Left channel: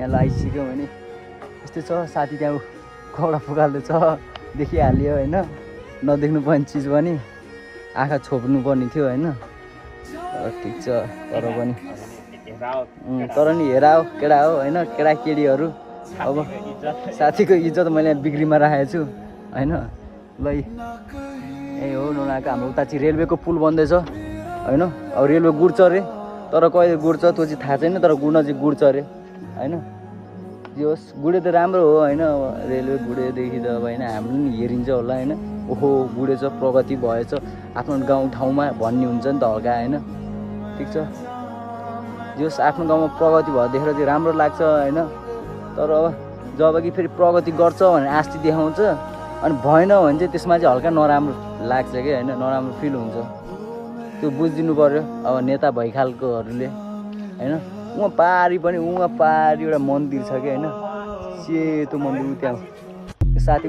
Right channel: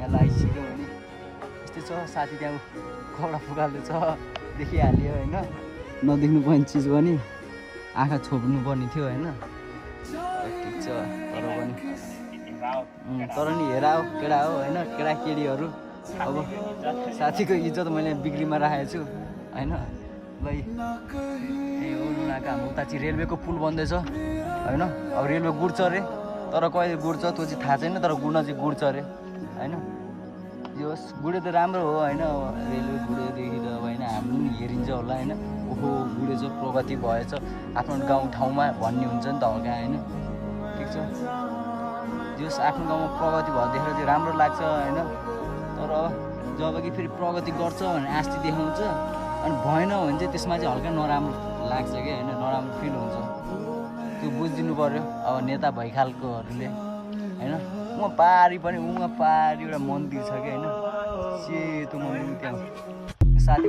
यहाँ लगाइसक्यो भने यस्तै छ साथी त्यहाँ कौडा फुकाल्दै छ देखिहाल्यो होइन नदेख्नु पर्ने चिज पनि आँखा छोप्नु पर्ने थियो होइन ठिक छ तर पनि तर नि हेर हो केटा हो होइन केटाकेटीहरू अब साथीको इज्जत मैले बिक्रीमा राखेको छु होइन ल ए हो नगएको हाम्रो उता चाहिँ रेलवेको पुल बन्दैछ होइन अब रेलवे गुड्छ अरे तर कहिले गुड्छ त्यो चाहिँ थाहा छैन तर गुड्न चाहिँ गुड्छ अरे होइन जे होस् गुडे त राम्रो हो होइन रेलवे गुडेदेखि त अब होइन हाम्रो पनि हेरिन्छ होला होइन ओहो गुडेछ प्रगति भएछ आफ्नो गाउँ ठाउँमा भन्नुहुन्छ नि त हल्का होइन ठिक छ जस आफ्नो गाउँमा प्रगति भयो देखेर चाहिँ राम्रो लाग्छ होइन तर अब जब कि फेरि प्रगति गर्छ भने आस्ति देखाउँछ अनि भएन भने चाहिँ त्यसमा चाहिँ हल्का नराम्रो लाग्छ कि होइन नराम्रो फिल हुन्छ त्यो बुझिदिनु पऱ्यो अब नेता भइखालकोहरूले होइन उहाँ पारी पनि उहाँ पारी एउटा मन्दिर छ कि होइन सेतो मन्दिर त्यहाँ साथी